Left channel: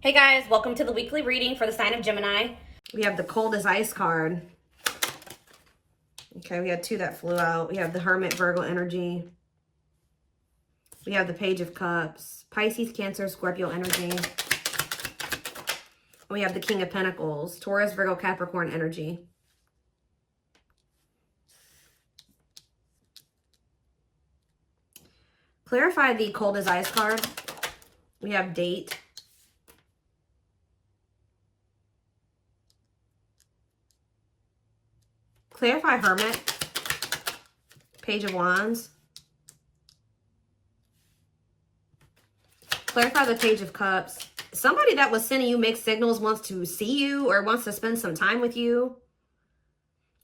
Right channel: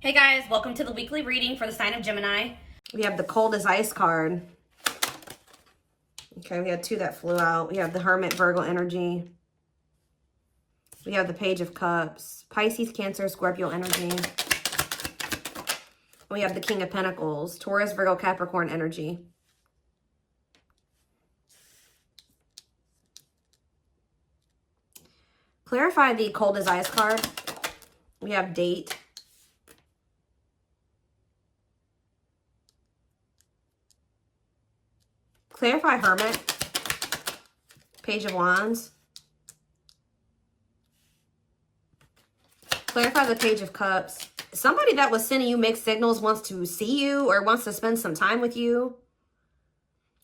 Hey guys, welcome to the weekly reading for the sign of Gemini. We have the cold as ice card. Okay, we had two that flew out. We have the Hermit, Virgo energy. We have the Page of Cups, Pisces, Cancer, Scorpio energy. We have the King of Pentacles, Taurus, Virgo, Capricorn energy. Clarify the cold as ice card. We have date. Clarify Hermit, Page of Wands. Clarify the Page of Cups. Somebody that was sending you mixed signals wants to see you or wants to spend some time with you.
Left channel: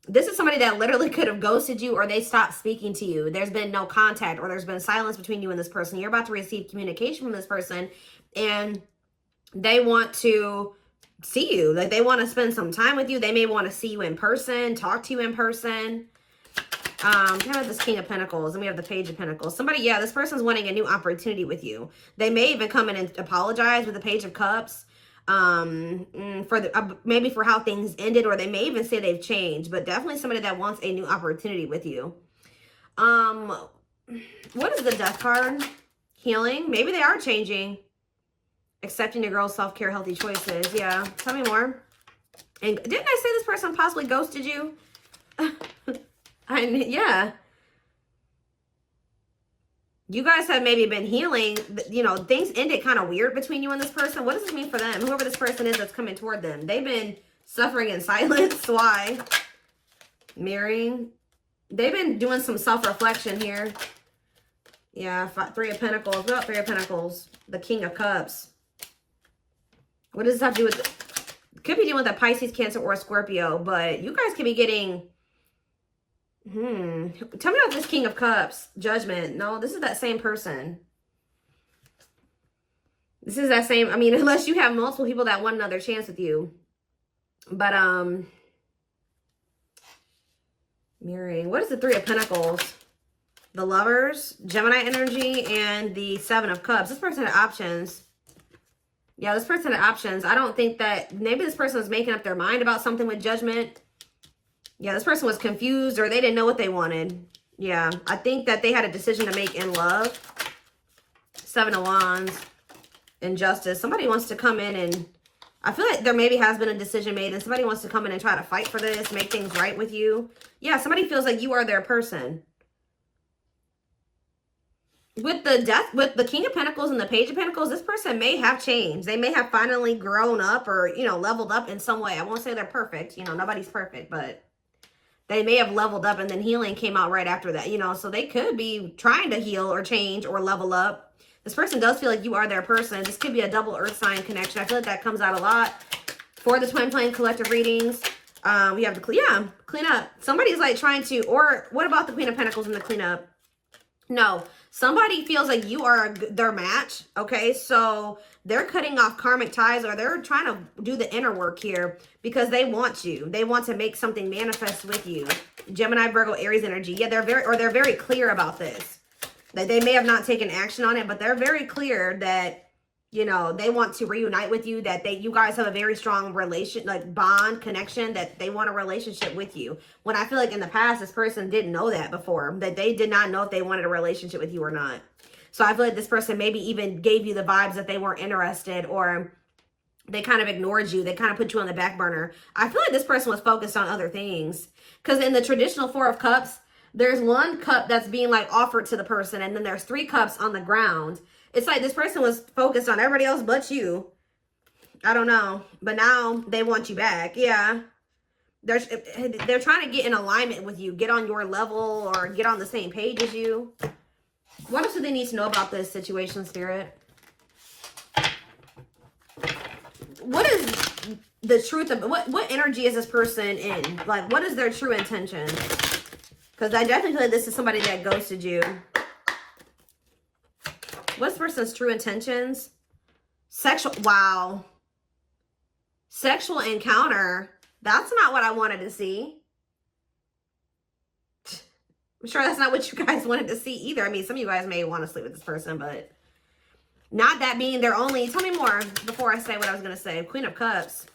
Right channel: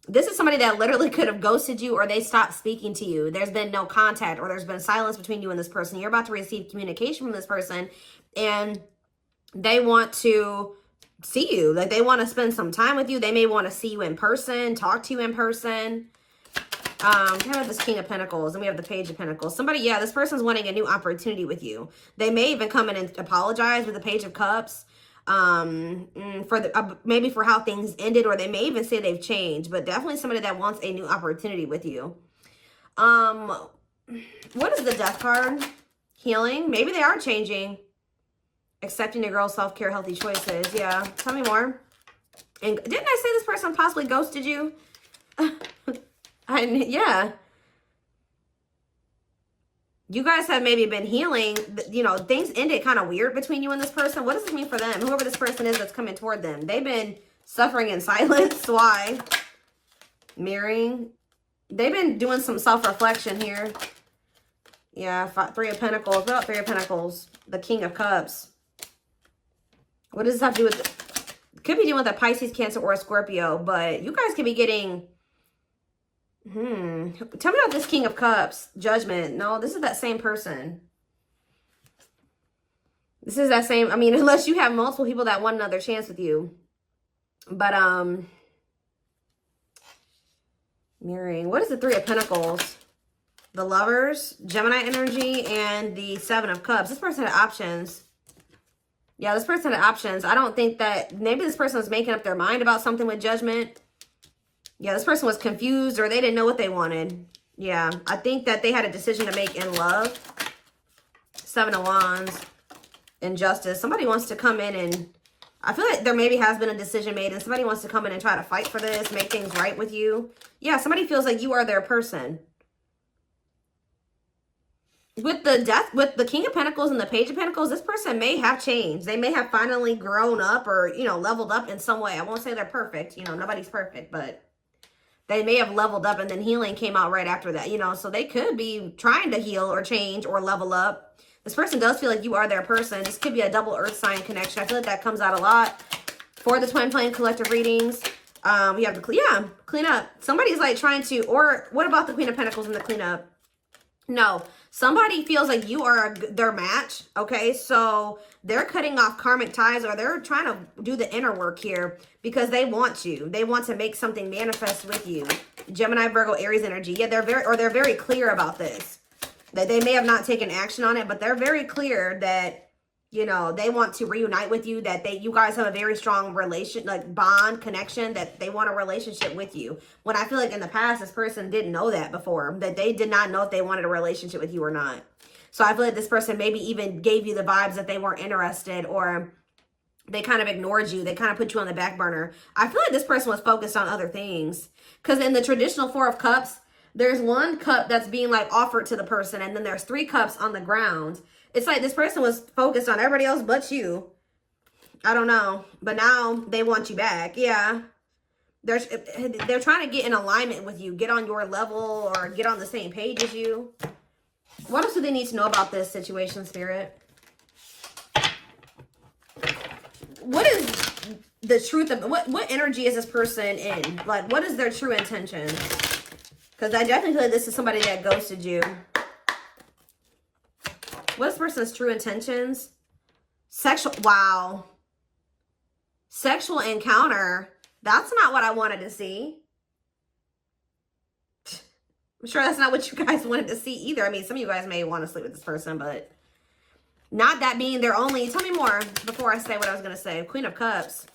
This is somebody that literally could have ghosted you or they stopped speaking to you. There's been no contact or there's been silence between you and this person. You're about to receive communication from this person and they want to see you. Like they want to spend some time with you. They may want to see you in person, talk to you in person. Here we have this King of Pentacles and we have the Page of Pentacles. Somebody, yeah, this person's wanting a new opportunity with you. They may even come in and apologize with the Page of Cups for the maybe for how things ended, or they may even say they've changed, but definitely somebody that wants a new opportunity with you. What is the Death card? Healing. Maybe they are changing. Accepting the girl's self-care, healthy choices. Yeah, tell me more. And didn't I say this person possibly ghosted you? Yeah. You guys have maybe been healing. You know, things ended kind of weird between you and this person. What does this mean for them? Whoever this person is that's coming toward them. They've been suffering in silence. Why? Mirroring. They've been doing some self-reflection here. Yeah, Three of Pentacles. What about Three of Pentacles? The King of Cups. What does this have to do with? Could be doing with a Pisces, Cancer, or a Scorpio, but you guys could be getting. Tell me about this King of Cups. Judgment. No, this is that same person. This is that same. I mean, unless you have multiple people that want another chance with you, but mirroring. What is the Three of Pentacles? The Lovers, Gemini energy, and the Seven of Cups. This person had options. Yeah, this person had options. I don't think that maybe this person was making up their mind about something with Judgment. Yeah, this person was confused or they didn't know what they wanted. Yeah, I think that they had a decision to make in love. Seven of Wands, Injustice. Somebody wants to come in and I feel like there maybe has been a decision made and somebody wants to come in and try to fight for this, make things right with you. Yeah, somebody feels like you are their person. With the Death, with the King of Pentacles and the Page of Pentacles, this person may have changed. They may have finally grown up or, you know, leveled up in some way. I won't say they're perfect. You know, nobody's perfect, but they may have leveled up and then healing came out right after that, you know. So they could be trying to heal or change or level up. This person does feel like you are their person. This could be a double earth sign connection. I feel like that comes out a lot for the twin flame collective readings. We have to clean up. Somebody's like trying to, or what about the Queen of Pentacles in the cleanup? No, somebody feels like you are their match, okay? So they're cutting off karmic ties or they're trying to do the inner work here because they want you. They want to make something manifest with you. Gemini, Virgo, Aries energy. Yeah, they're very clear about this. They may have not taken action on it, but they're very clear that, you know, they want to reunite with you, that you guys have a very strong relation, like bond, connection, that they want a relationship with you. When I feel like in the past, this person didn't know that before, that they did not know if they wanted a relationship with you or not. So I feel like this person maybe even gave you the vibes that they weren't interested or they kind of ignored you. They kind of put you on the back burner. I feel like this person was focused on other things because in the traditional Four of Cups, there's one cup that's being like offered to the person and then there's three cups on the ground. It's like this person was focused on everybody else but you. I don't know. But now they want you back. Yeah. They're trying to get in alignment with you. Get on your level or get on the same page as you. What else do they need to know about this situation, Spirit? What is the truth of what energy is this person in? Like, what is their true intention? Because I definitely feel like this is somebody that ghosted you. What's this person's true intentions? Wow. Sexual encounter. That's not what I wanted to see. I'm sure that's not what you guys wanted to see either. I mean, some of you guys may want to sleep with this person, but Not that being their only, tell me more before I say what I was going to say. Queen of Cups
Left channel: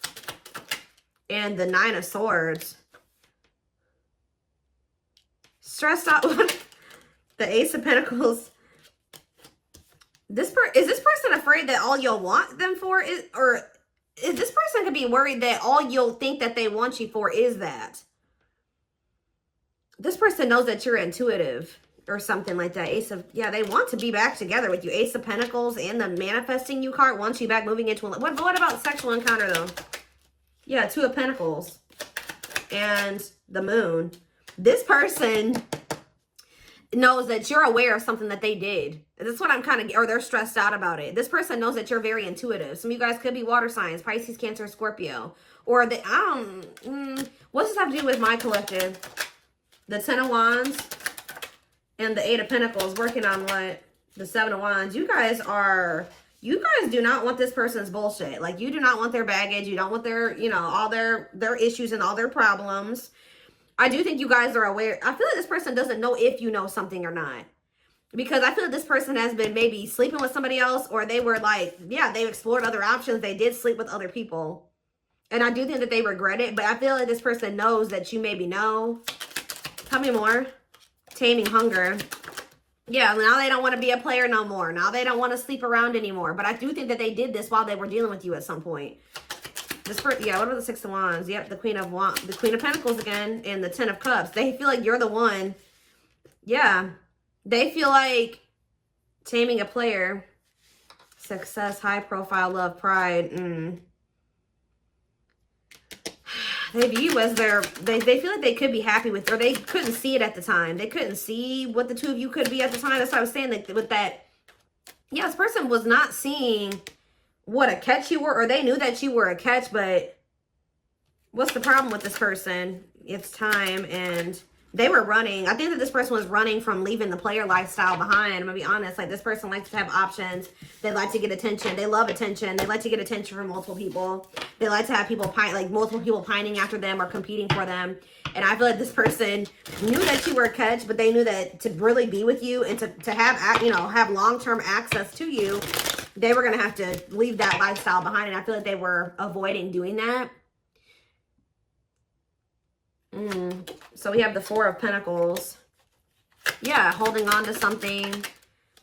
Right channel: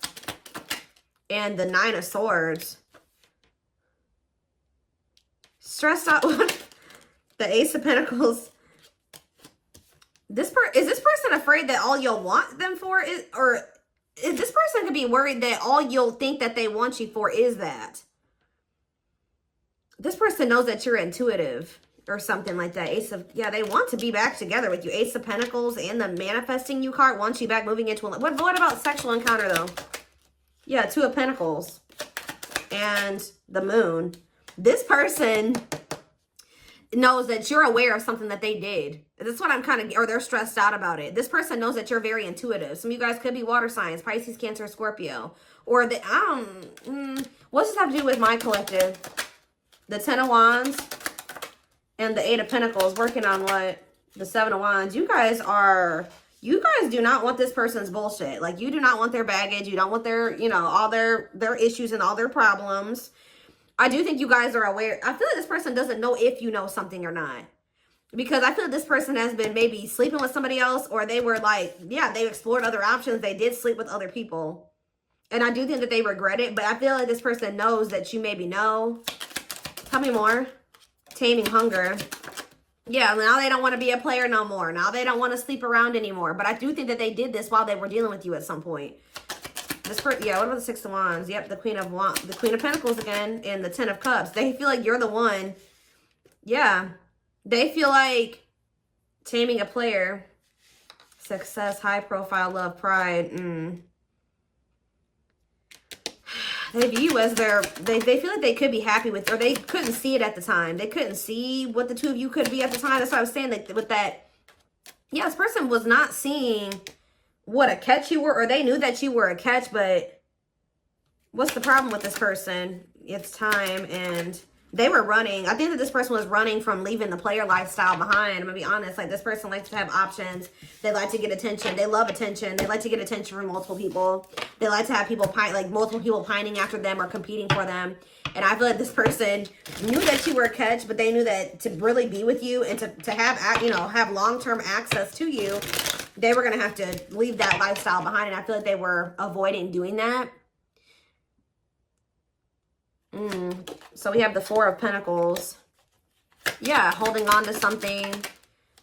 and the Nine of Swords. Stressed out with the Ace of Pentacles. Is this person afraid that all you'll want them for is, or is this person could be worried that all you'll think that they want you for is that? This person knows that you're intuitive or something like that. Ace of, yeah, they want to be back together with you. Ace of Pentacles and the manifesting you card wants you back, moving into a, what about sexual encounter though? Yeah, Two of Pentacles and the Moon. This person knows that you're aware of something that they did. That's what I'm kind of, or they're stressed out about it. This person knows that you're very intuitive. Some of you guys could be water signs, Pisces, Cancer, Scorpio. Or the, what's this have to do with my collective? The Ten of Wands and the Eight of Pentacles working on what? The Seven of Wands. You guys do not want this person's bullshit. Like, you do not want their baggage. You don't want their, you know, all their issues and all their problems. I do think you guys are aware. I feel like this person doesn't know if you know something or not. Because I feel like this person has been maybe sleeping with somebody else, or they were like, yeah, they explored other options. They did sleep with other people. And I do think that they regret it, but I feel like this person knows that you maybe know. Tell me more. Taming hunger. Yeah, now they don't want to be a player no more. Now they don't want to sleep around anymore. But I do think that they did this while they were dealing with you at some point. This person, yeah, what about the Six of Wands? Yep, the Queen of Pentacles again, and the Ten of Cups. They feel like you're the one. Yeah. They feel like taming a player. Success, high profile, love, pride. They view you as they feel like they could be happy with, or they couldn't see it at the time. They couldn't see what the two of you could be at the time. That's what I was saying, that with that, yeah, this person was not seeing what a catch you were, or they knew that you were a catch, but what's the problem with this person? It's time, and they were running. I think that this person was running from leaving the player lifestyle behind. I'm gonna be honest. Like, this person likes to have options. They like to get attention. They love attention. They like to get attention from multiple people. They like to have people like multiple people pining after them or competing for them. And I feel like this person knew that you were a catch, but they knew that to really be with you and to have, you know, have long-term access to you, they were gonna have to leave that lifestyle behind. And I feel like they were avoiding doing that. So we have the Four of Pentacles. Yeah, holding on to something.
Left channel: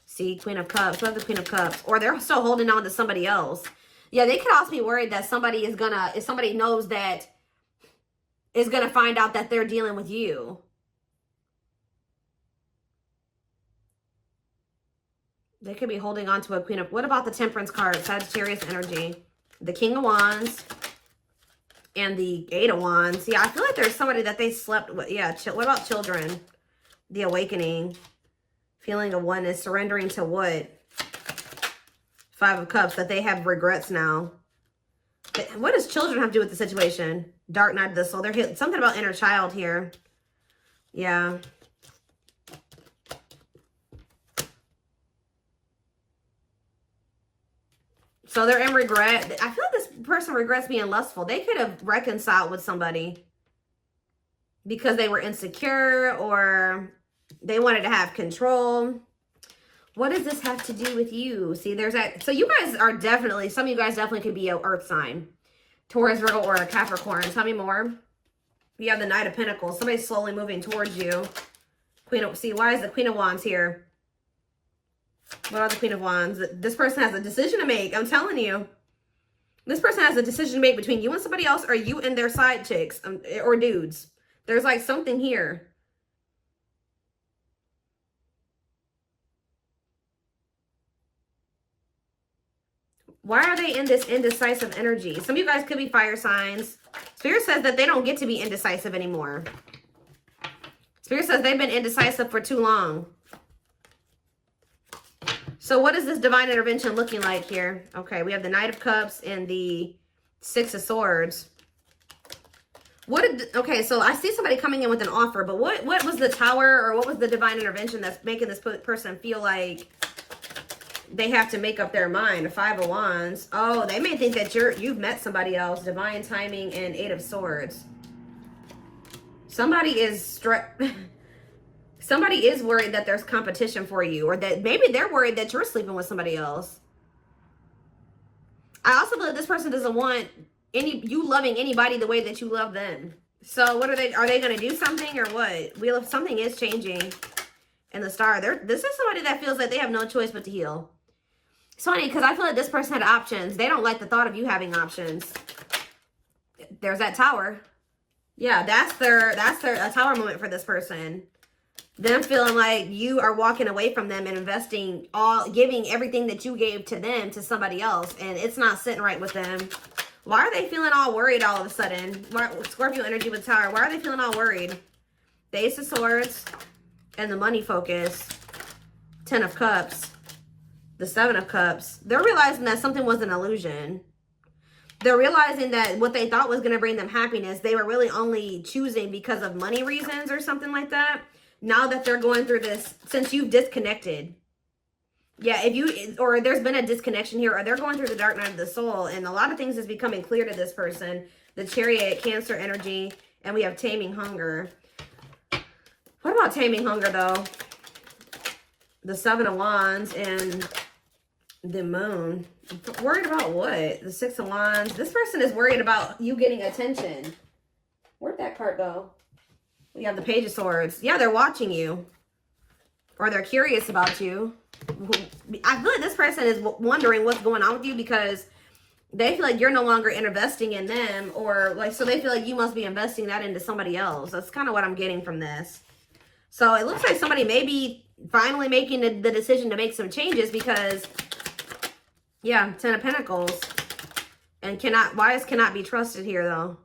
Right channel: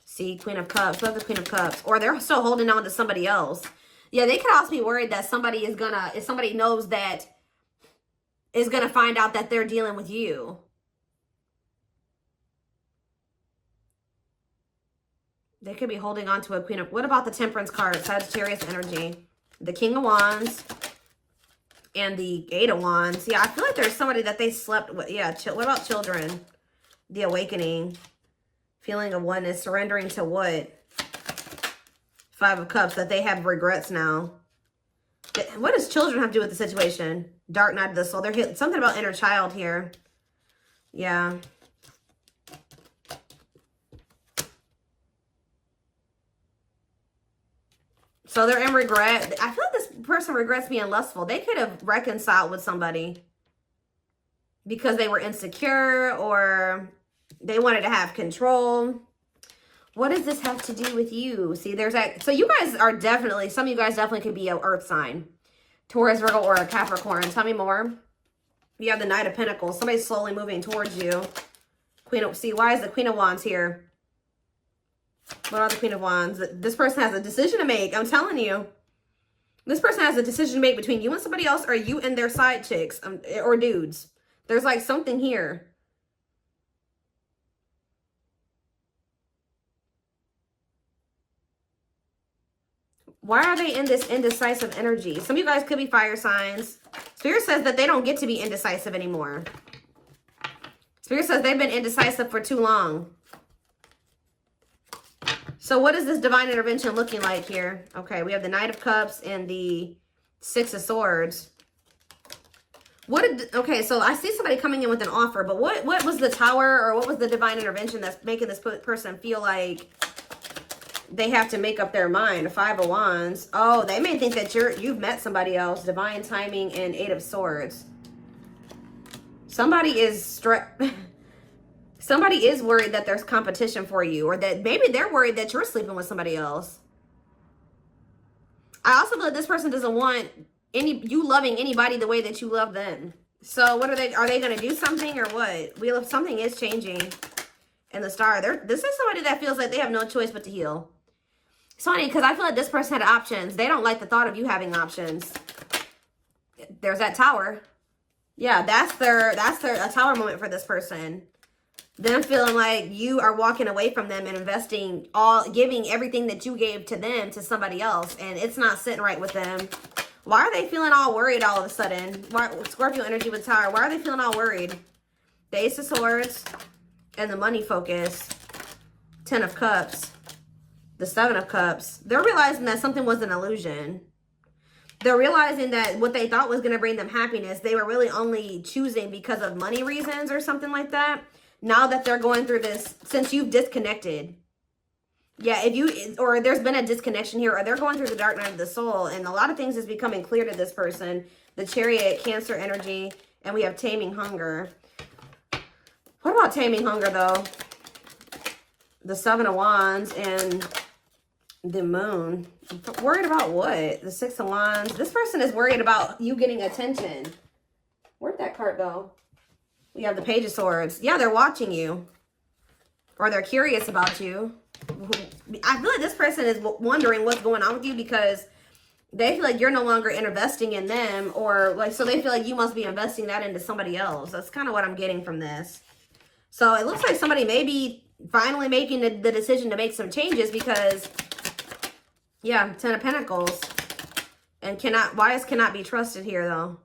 See, Queen of Cups. Love the Queen of Cups. Or they're still holding on to somebody else. Yeah, they could also be worried that somebody is gonna, if somebody knows that, is gonna find out that they're dealing with you. They could be holding on to a Queen of, what about the Temperance card? Sagittarius energy. The King of Wands. And the Eight of Wands. Yeah, I feel like there's somebody that they slept with. Yeah, what about children? The Awakening. Feeling of oneness. Surrendering to what? Five of Cups. That they have regrets now. What does children have to do with the situation? Dark Night of the Soul. There's something about inner child here. Yeah. So they're in regret. I feel like this person regrets being lustful. They could have reconciled with somebody because they were insecure or they wanted to have control. What does this have to do with you? See, there's that. So you guys are definitely, some of you guys definitely could be an earth sign. Taurus, Virgo, or a Capricorn. Tell me more. You have the Knight of Pentacles. Somebody's slowly moving towards you. See, why is the Queen of Wands here? What are the Queen of Wands? This person has a decision to make. I'm telling you. This person has a decision to make between you and somebody else, or you and their side chicks, or dudes. There's like something here. Why are they in this indecisive energy? Some of you guys could be fire signs. Spirit says that they don't get to be indecisive anymore. Spirit says they've been indecisive for too long. So what is this divine intervention looking like here? Okay, we have the Knight of Cups and the Six of Swords. Okay, so I see somebody coming in with an offer, but what was the Tower, or what was the divine intervention that's making this person feel like they have to make up their mind? The Five of Wands. Oh, they may think that you've met somebody else. Divine timing and Eight of Swords. Somebody is Somebody is worried that there's competition for you, or that maybe they're worried that you're sleeping with somebody else. I also feel like this person doesn't want you loving anybody the way that you love them. So what are they going to do something or what? Something is changing in the star. This is somebody that feels like they have no choice but to heal. It's funny because I feel like this person had options. They don't like the thought of you having options. There's that tower. Yeah, that's a tower moment for this person. Them feeling like you are walking away from them and giving everything that you gave to them to somebody else, and it's not sitting right with them. Why are they feeling all worried all of a sudden? Scorpio energy with Tower. Why are they feeling all worried? The Ace of Swords and the money focus. 10 of Cups. The 7 of Cups. They're realizing that something was an illusion. They're realizing that what they thought was going to bring them happiness, they were really only choosing because of money reasons or something like that. Now that they're going through this, since you've disconnected. Yeah, or there's been a disconnection here, or they're going through the dark night of the soul, and a lot of things is becoming clear to this person. The Chariot, Cancer energy, and we have Taming Hunger. What about Taming Hunger, though? The 7 of Wands and the Moon. Worried about what? The 6 of Wands. This person is worried about you getting attention. Where'd that card go? We have the Page of Swords. Yeah, they're watching you. Or they're curious about you. I feel like this person is wondering what's going on with you because they feel like you're no longer investing in them, or like, so they feel like you must be investing that into somebody else. That's kind of what I'm getting from this. So it looks like somebody may be finally making the decision to make some changes because, yeah, 10 of Pentacles. And wise cannot be trusted here though.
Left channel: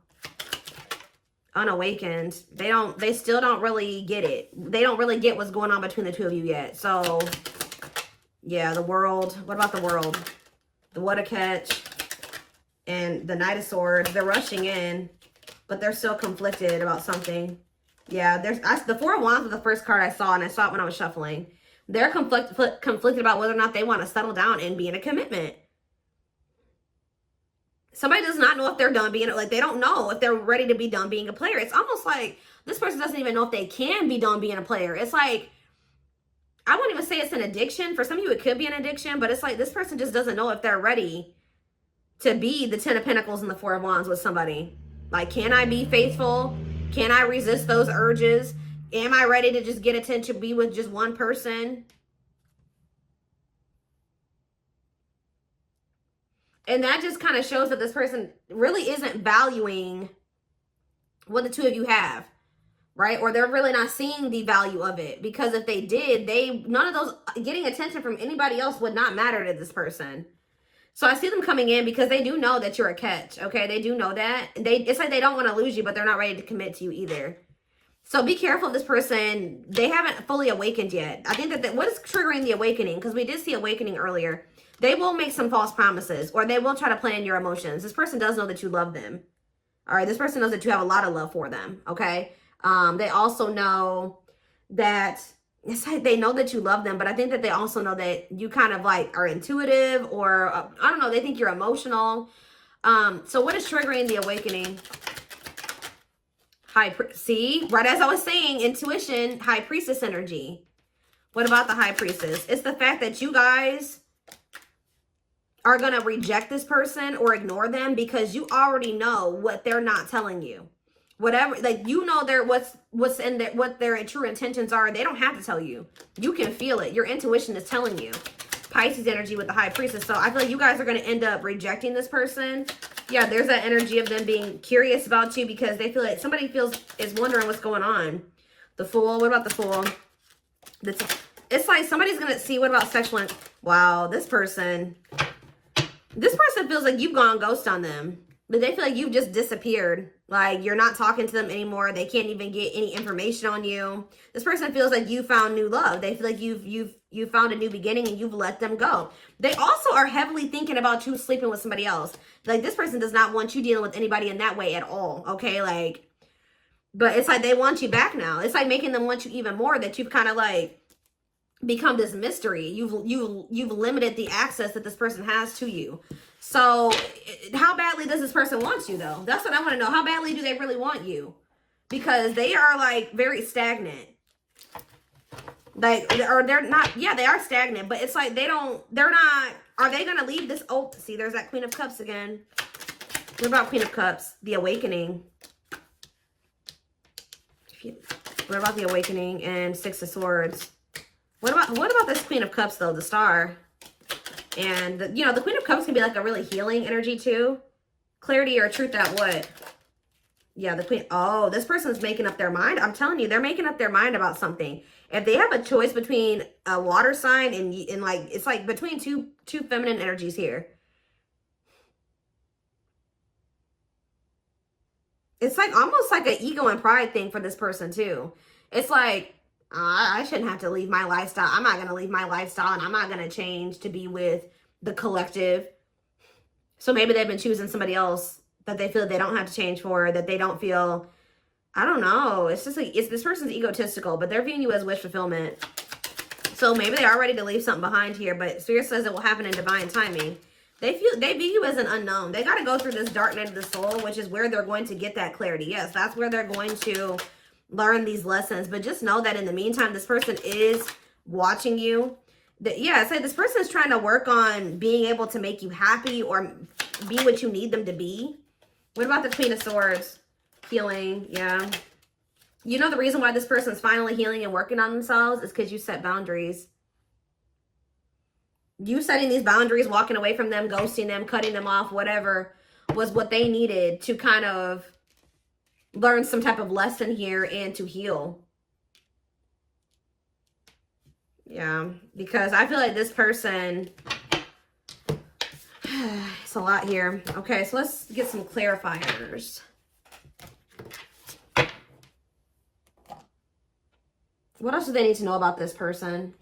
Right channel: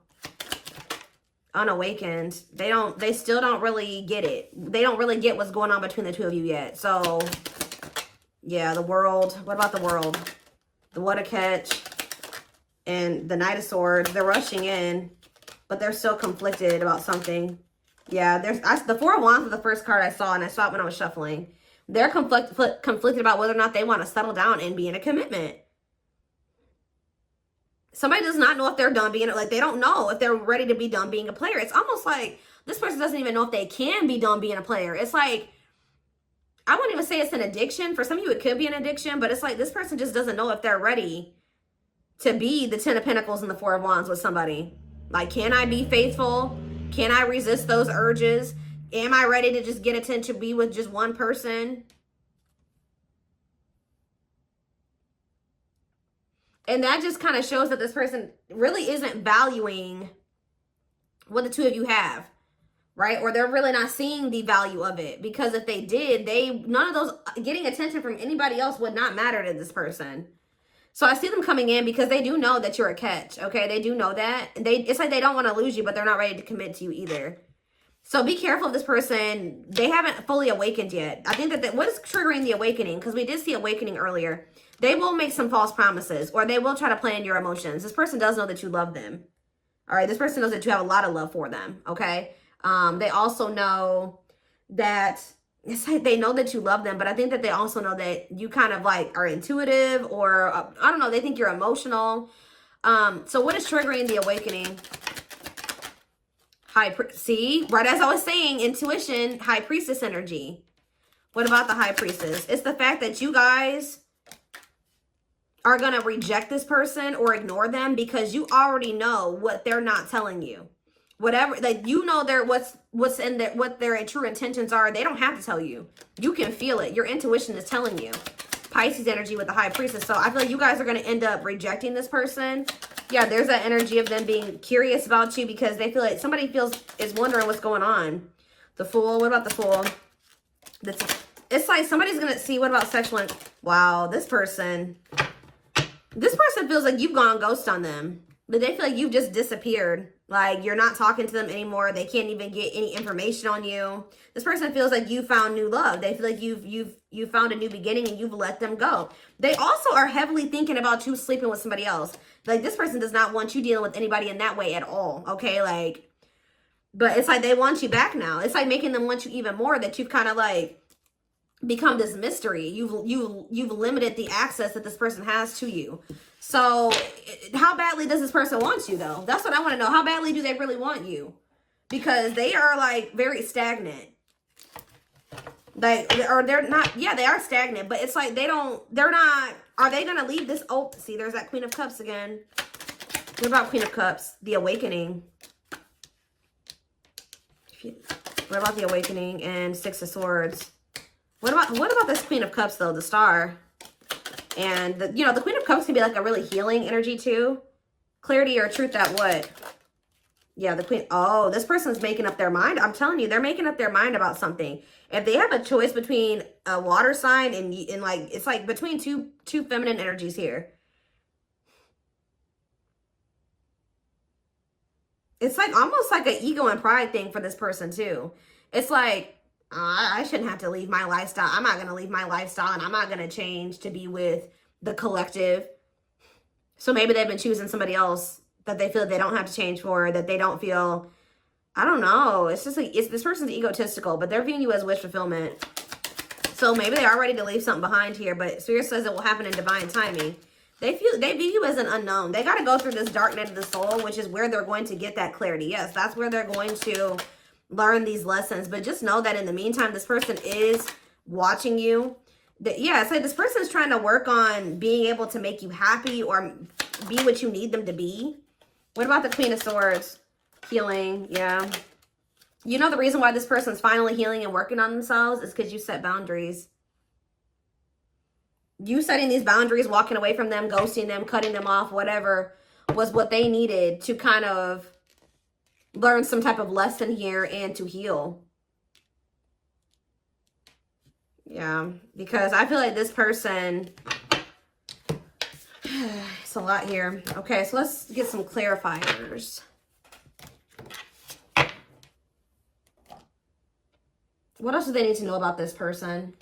Unawakened. They still don't really get it. They don't really get what's going on between the two of you yet. So yeah, the World. What about the World? The What a Catch and the Knight of Swords. They're rushing in, but they're still conflicted about something. Yeah, the 4 of Wands was the first card I saw, and I saw it when I was shuffling. They're conflicted about whether or not they want to settle down and be in a commitment. Somebody does not know if they're done being, like, they don't know if they're ready to be done being a player. It's almost like this person doesn't even know if they can be done being a player. It's like, I wouldn't even say it's an addiction. For some of you, it could be an addiction, but it's like this person just doesn't know if they're ready to be the 10 of Pentacles and the 4 of Wands with somebody. Like, can I be faithful? Can I resist those urges? Am I ready to just get attention, be with just one person? And that just kind of shows that this person really isn't valuing what the two of you have, right? Or they're really not seeing the value of it. Because if they did, none of those, getting attention from anybody else would not matter to this person. So I see them coming in because they do know that you're a catch, okay? They do know that. It's like they don't want to lose you, but they're not ready to commit to you either. So be careful of this person. They haven't fully awakened yet. I think that what is triggering the awakening, because we did see awakening earlier, they will make some false promises, or they will try to play in your emotions. This person does know that you love them. All right, this person knows that you have a lot of love for them, okay? They also know that, it's like they know that you love them, but I think that they also know that you kind of like are intuitive, or I don't know, they think you're emotional. So what is triggering the awakening? See, right as I was saying, intuition, High Priestess energy. What about the High Priestess? It's the fact that you guys are going to reject this person or ignore them because you already know what they're not telling you. Whatever, like, you know, what's in there, what their true intentions are. They don't have to tell you. You can feel it. Your intuition is telling you. Pisces energy with the High Priestess. So I feel like you guys are going to end up rejecting this person. Yeah, there's that energy of them being curious about you because they feel like somebody is wondering what's going on. The Fool. What about the Fool? It's like somebody's going to see. What about sexual? Wow, this person feels like you've gone ghost on them. But they feel like you've just disappeared. Like, you're not talking to them anymore. They can't even get any information on you. This person feels like you found new love. They feel like you've found a new beginning and you've let them go. They also are heavily thinking about you sleeping with somebody else. Like, this person does not want you dealing with anybody in that way at all. Okay, like, but it's like they want you back now. It's like making them want you even more, that you've kind of like become this mystery. You've limited the access that this person has to you. So how badly does this person want you though? That's what I want to know. How badly do they really want you? Because they are like very stagnant. Like, or they're not, yeah, they are stagnant, but it's like they're not, are they going to leave this open? See, there's that Queen of Cups again. What about Queen of Cups? The Awakening. What about the Awakening and Six of Swords? What about this Queen of Cups, though? The Star. And, you know, the Queen of Cups can be like a really healing energy, too. Clarity or truth at what? Yeah, the Queen. Oh, this person's making up their mind. I'm telling you, they're making up their mind about something. If they have a choice between a water sign and like, it's like between two feminine energies here. It's like almost like an ego and pride thing for this person, too. It's like, I shouldn't have to leave my lifestyle. I'm not going to leave my lifestyle, and I'm not going to change to be with the collective. So maybe they've been choosing somebody else that they feel they don't have to change for, that they don't feel, I don't know. It's just like, this person's egotistical, but they're viewing you as wish fulfillment. So maybe they are ready to leave something behind here, but Spirit says it will happen in divine timing. They view you as an unknown. They got to go through this dark night of the soul, which is where they're going to get that clarity. Yes, that's where they're going to learn these lessons. But just know that in the meantime, this person is watching you. Yeah, I say this person is trying to work on being able to make you happy or be what you need them to be. What about the Queen of Swords? Healing, yeah. You know the reason why this person's finally healing and working on themselves is because you set boundaries. You setting these boundaries, walking away from them, ghosting them, cutting them off, whatever, was what they needed to kind of learn some type of lesson here and to heal. Yeah, because I feel like this person, it's a lot here. Okay, so let's get some clarifiers. What else do they need to know about this person?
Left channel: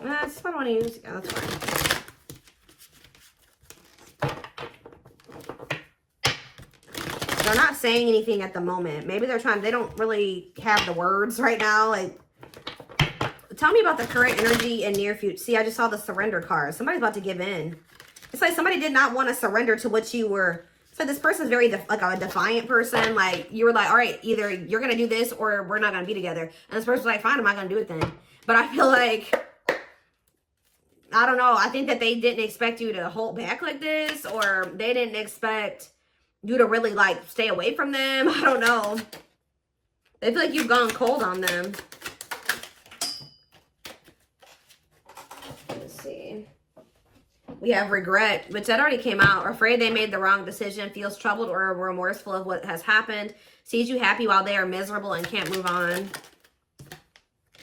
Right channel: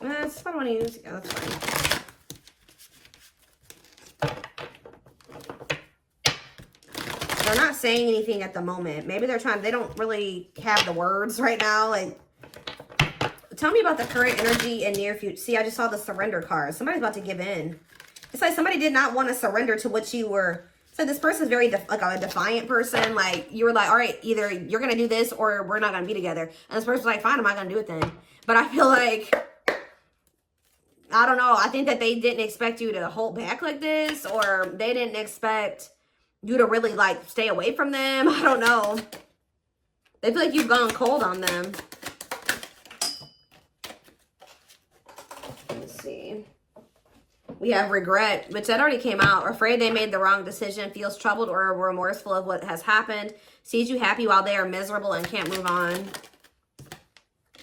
That's what I want to use. Yeah, that's fine. They're not saying anything at the moment. Maybe they're trying, they don't really have the words right now. Like, tell me about the current energy and near future. See, I just saw the surrender card. Somebody's about to give in. It's like somebody did not want to surrender to what you were. So this person's very like a defiant person. Like, you were like, all right, either you're going to do this or we're not going to be together. And this person's like, fine, I'm not going to do it then. But I feel like, I don't know. I think that they didn't expect you to hold back like this, or they didn't expect you to really like stay away from them. I don't know. They feel like you've gone cold on them. Let's see. We have regret, which that already came out. Afraid they made the wrong decision, feels troubled or remorseful of what has happened, sees you happy while they are miserable and can't move on.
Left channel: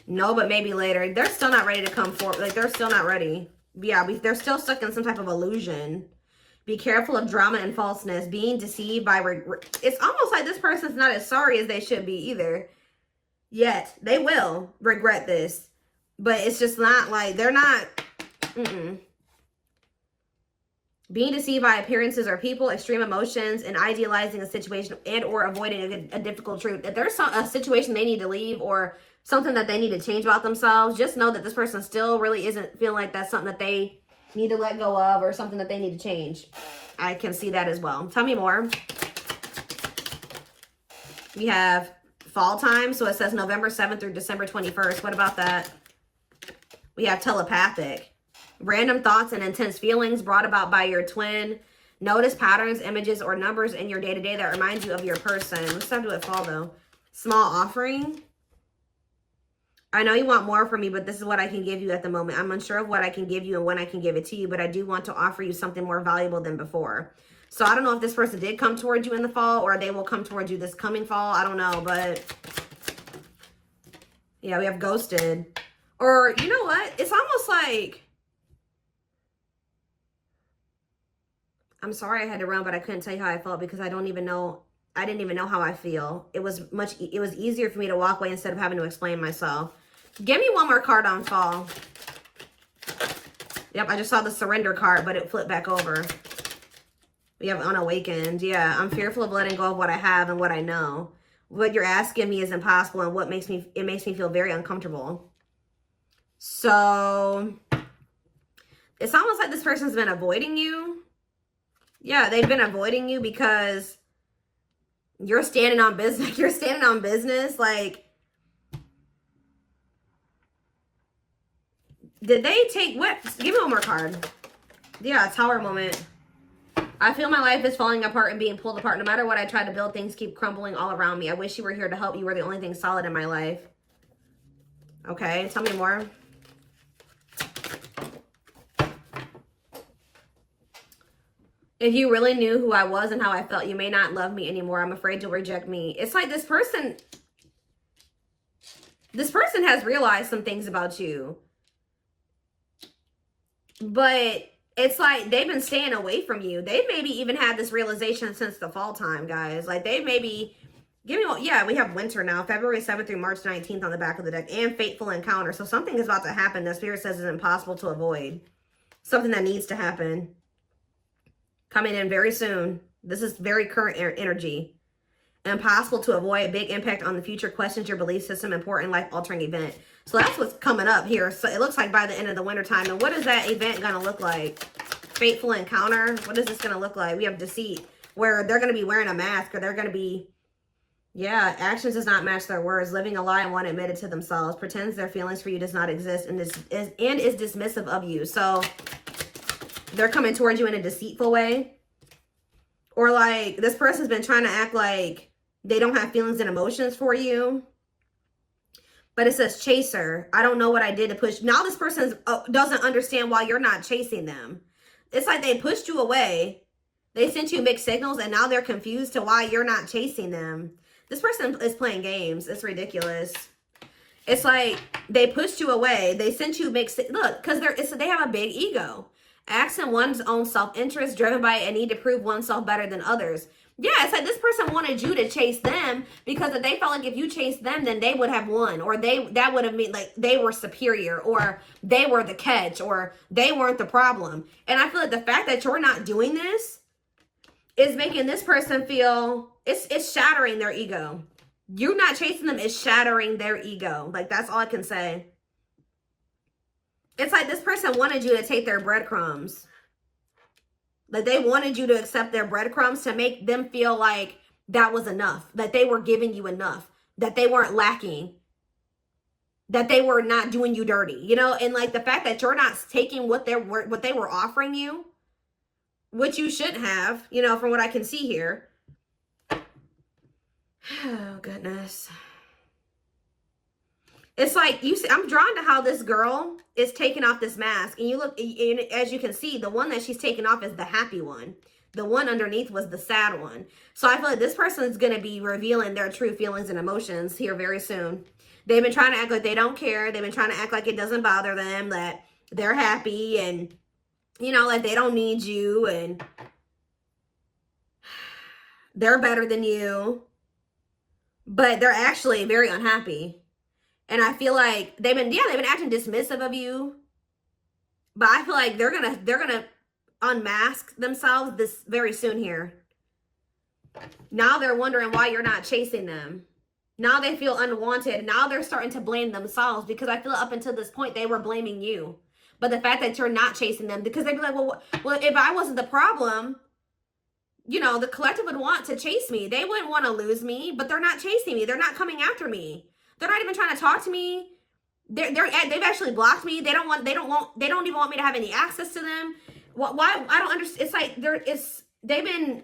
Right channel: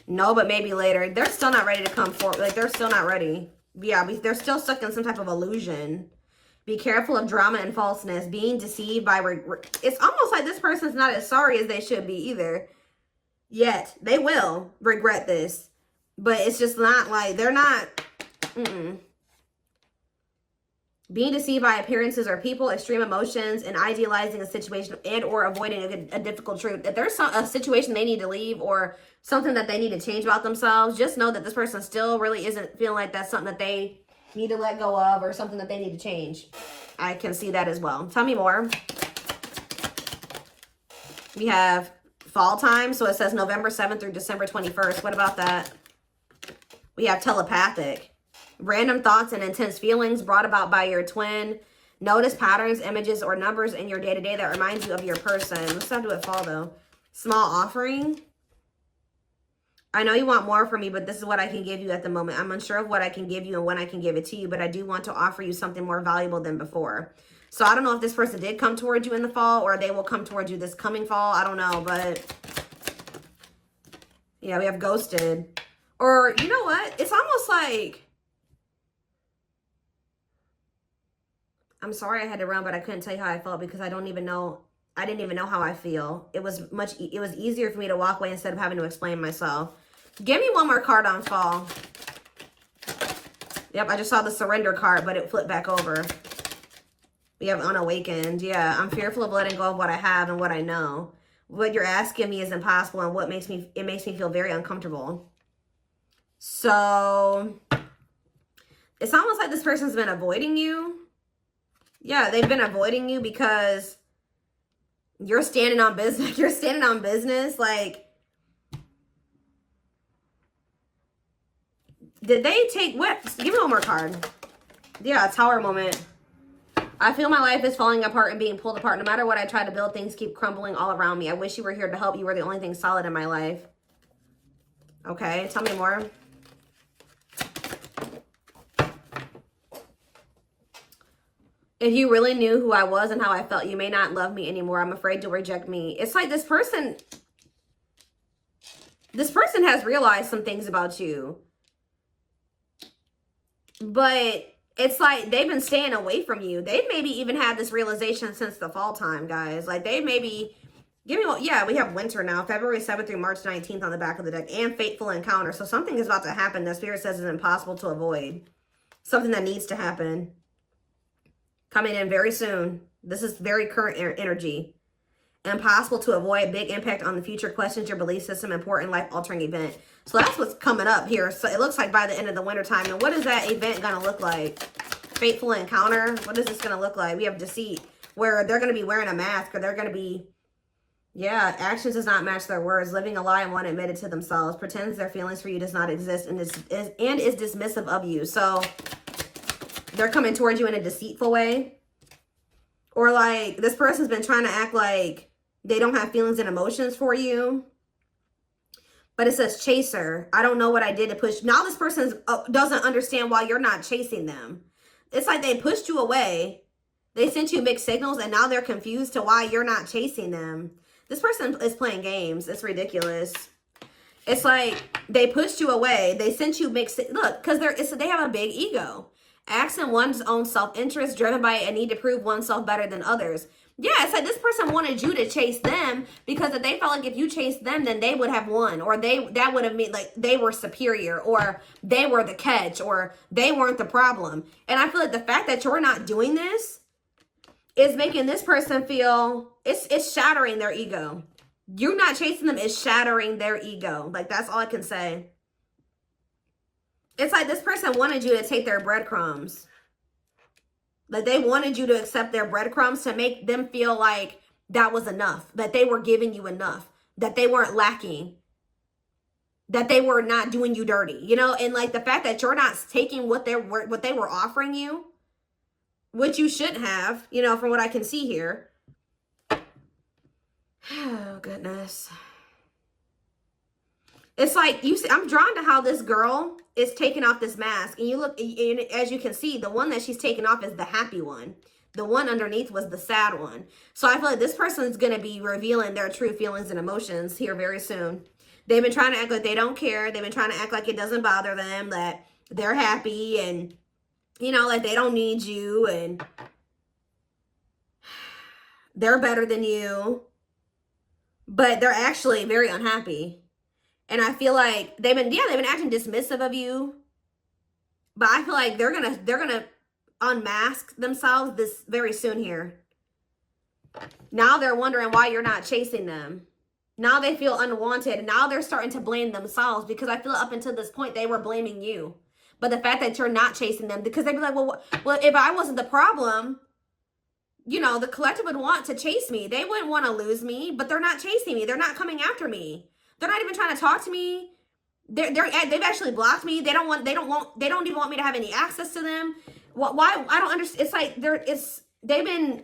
No, but maybe later. They're still not ready to come forward. Like, they're still not ready. Yeah, they're still stuck in some type of illusion. Be careful of drama and falseness. Being deceived by regret. It's almost like this person's not as sorry as they should be either. Yet. They will regret this. But it's just not like, they're not. Being deceived by appearances or people, extreme emotions, and idealizing a situation and or avoiding a difficult truth. If there's a situation they need to leave or something that they need to change about themselves, just know that this person still really isn't feeling like that's something that they need to let go of or something that they need to change. I can see that as well. Tell me more. We have fall time. So it says November 7th through December 21st. What about that? We have telepathic. Random thoughts and intense feelings brought about by your twin. Notice patterns, images, or numbers in your day-to-day that remind you of your person. Let's not do it fall, though. Small offering. I know you want more from me, but this is what I can give you at the moment. I'm unsure of what I can give you and when I can give it to you, but I do want to offer you something more valuable than before. So I don't know if this person did come towards you in the fall or they will come towards you this coming fall. I don't know, but yeah, we have ghosted. Or you know what? It's almost like, I'm sorry I had to run, but I couldn't tell you how I felt because I don't even know. I didn't even know how I feel. It was easier for me to walk away instead of having to explain myself. Give me one more card on fall. Yep, I just saw the surrender card, but it flipped back over. We have unawakened. Yeah, I'm fearful of letting go of what I have and what I know. What you're asking me is impossible, and it makes me feel very uncomfortable. So it's almost like this person's been avoiding you. Yeah, they've been avoiding you because You're standing on business. You're standing on business. Like, did they take what? Give me one more card. Yeah, Tower moment. I feel my life is falling apart and being pulled apart. No matter what I try to build, things keep crumbling all around me. I wish you were here to help. You were the only thing solid in my life. Okay, tell me more. If you really knew who I was and how I felt, you may not love me anymore. I'm afraid you'll reject me. It's like this person has realized some things about you. But it's like they've been staying away from you. They've maybe even had this realization since the fall time, guys. Like they maybe, yeah, we have winter now. February 7th through March 19th on the back of the deck. And fateful encounter. So something is about to happen that Spirit says is impossible to avoid. Something that needs to happen. Coming in very soon. This is very current energy. Impossible to avoid. Big impact on the future. Questions your belief system. Important life-altering event. So that's what's coming up here. So it looks like by the end of the winter time. And what is that event going to look like? Fateful encounter. What is this going to look like? We have deceit. Where they're going to be wearing a mask. Or they're going to be... Yeah, actions does not match their words. Living a lie and one admitted to themselves. Pretends their feelings for you does not exist. And is dismissive of you. So... they're coming towards you in a deceitful way. Or like this person's been trying to act like they don't have feelings and emotions for you. But it says chaser. I don't know what I did to push. Now this person doesn't understand why you're not chasing them. It's like they pushed you away. They sent you mixed signals and now they're confused to why you're not chasing them. This person is playing games. It's ridiculous. It's like they pushed you away. They sent you mixed signals. Look, because they have a big ego. Acting one's own self-interest, driven by a need to prove oneself better than others. Yeah, it's like this person wanted you to chase them because if they felt like if you chased them, then they would have won. Or that would have meant like they were superior or they were the catch or they weren't the problem. And I feel like the fact that you're not doing this is making this person feel, it's shattering their ego. You not chasing them is shattering their ego. Like that's all I can say. It's like this person wanted you to take their breadcrumbs. Like they wanted you to accept their breadcrumbs to make them feel like that was enough. That they were giving you enough. That they weren't lacking. That they were not doing you dirty. You know, and like the fact that you're not taking what they were offering you. Which you shouldn't have, you know, from what I can see here. Oh, goodness. It's like, I'm drawn to how this girl is taking off this mask. And you look, and as you can see, the one that she's taking off is the happy one. The one underneath was the sad one. So I feel like this person is going to be revealing their true feelings and emotions here very soon. They've been trying to act like they don't care. They've been trying to act like it doesn't bother them, that they're happy and, you know, like they don't need you and they're better than you. But they're actually very unhappy. And I feel like they've been acting dismissive of you. But I feel like they're gonna unmask themselves this very soon here. Now they're wondering why you're not chasing them. Now they feel unwanted. Now they're starting to blame themselves because I feel up until this point they were blaming you. But the fact that you're not chasing them, because they'd be like, well, if I wasn't the problem, you know, the collective would want to chase me. They wouldn't want to lose me, but they're not chasing me. They're not coming after me. They're not even trying to talk to me. They've actually blocked me. They don't even want me to have any access to them. Why? I don't understand. It's like they've been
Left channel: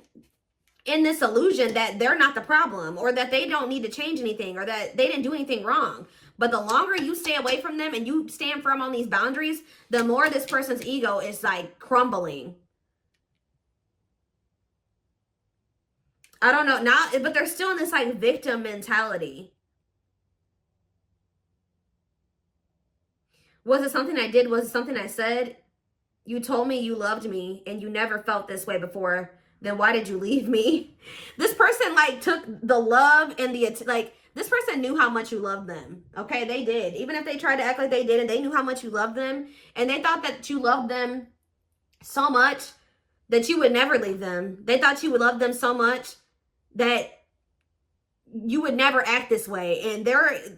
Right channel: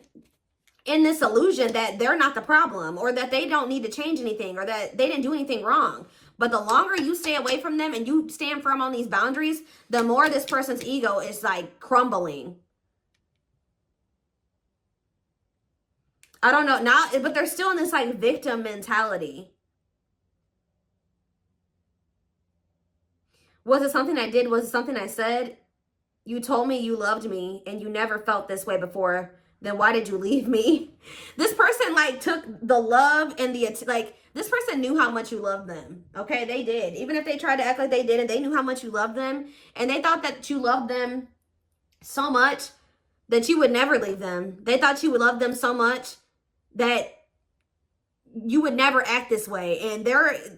in this illusion that they're not the problem or that they don't need to change anything or that they didn't do anything wrong. But the longer you stay away from them and you stand firm on these boundaries, the more this person's ego is like crumbling. I don't know now, but they're still in this like victim mentality. Was it something I did? Was it something I said? You told me you loved me and you never felt this way before. Then why did you leave me? This person like took the love and this person knew how much you loved them. Okay, they did. Even if they tried to act like they didn't, they knew how much you loved them. And they thought that you loved them so much that you would never leave them. They thought you would love them so much that you would never act this way. And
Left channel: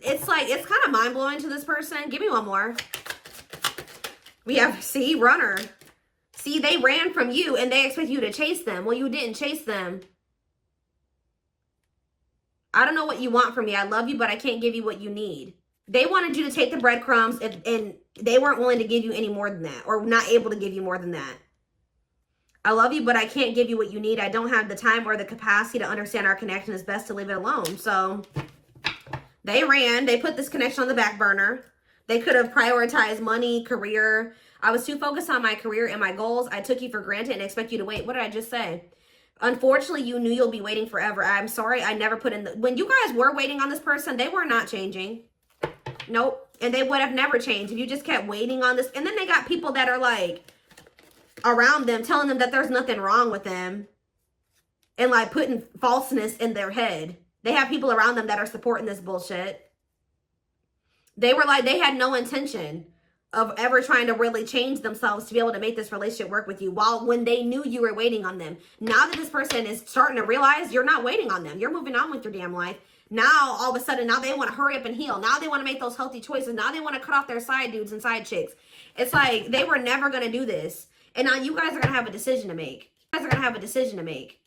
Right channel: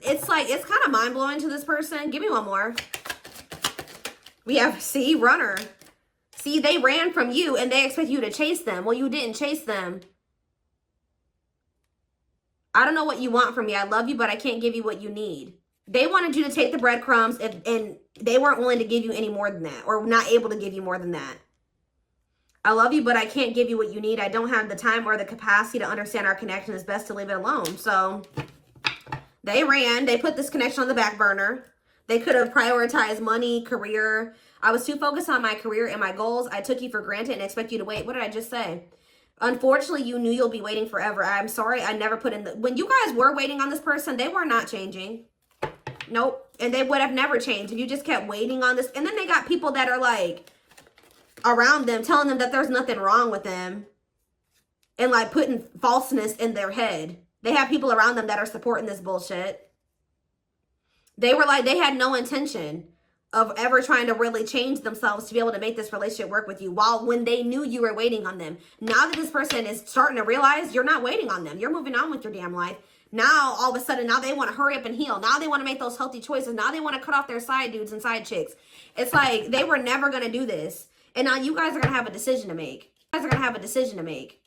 it's kind of mind-blowing to this person. Give me one more. We have runner. See, they ran from you and they expect you to chase them. Well, you didn't chase them. I don't know what you want from me. I love you, but I can't give you what you need. They wanted you to take the breadcrumbs, and they weren't willing to give you any more than that, or not able to give you more than that. I love you, but I can't give you what you need. I don't have the time or the capacity to understand our connection. It's best to leave it alone. So they ran. They put this connection on the back burner. They could have prioritized money, career. I was too focused on my career and my goals. I took you for granted and expect you to wait. What did I just say? Unfortunately, you knew you'll be waiting forever. I'm sorry I never put in the... When you guys were waiting on this person, they were not changing. Nope. And they would have never changed if you just kept waiting on this. And then they got people that are like around them telling them that there's nothing wrong with them. And like putting falseness in their head. They have people around them that are supporting this bullshit. They were like, they had no intention of ever trying to really change themselves to be able to make this relationship work with you, while when they knew you were waiting on them. Now that this person is starting to realize you're not waiting on them, you're moving on with your damn life. Now, all of a sudden, now they want to hurry up and heal. Now they want to make those healthy choices. Now they want to cut off their side dudes and side chicks. It's like they were never going to do this. And now you guys are going to have a decision to make. You guys are going to have a decision to make.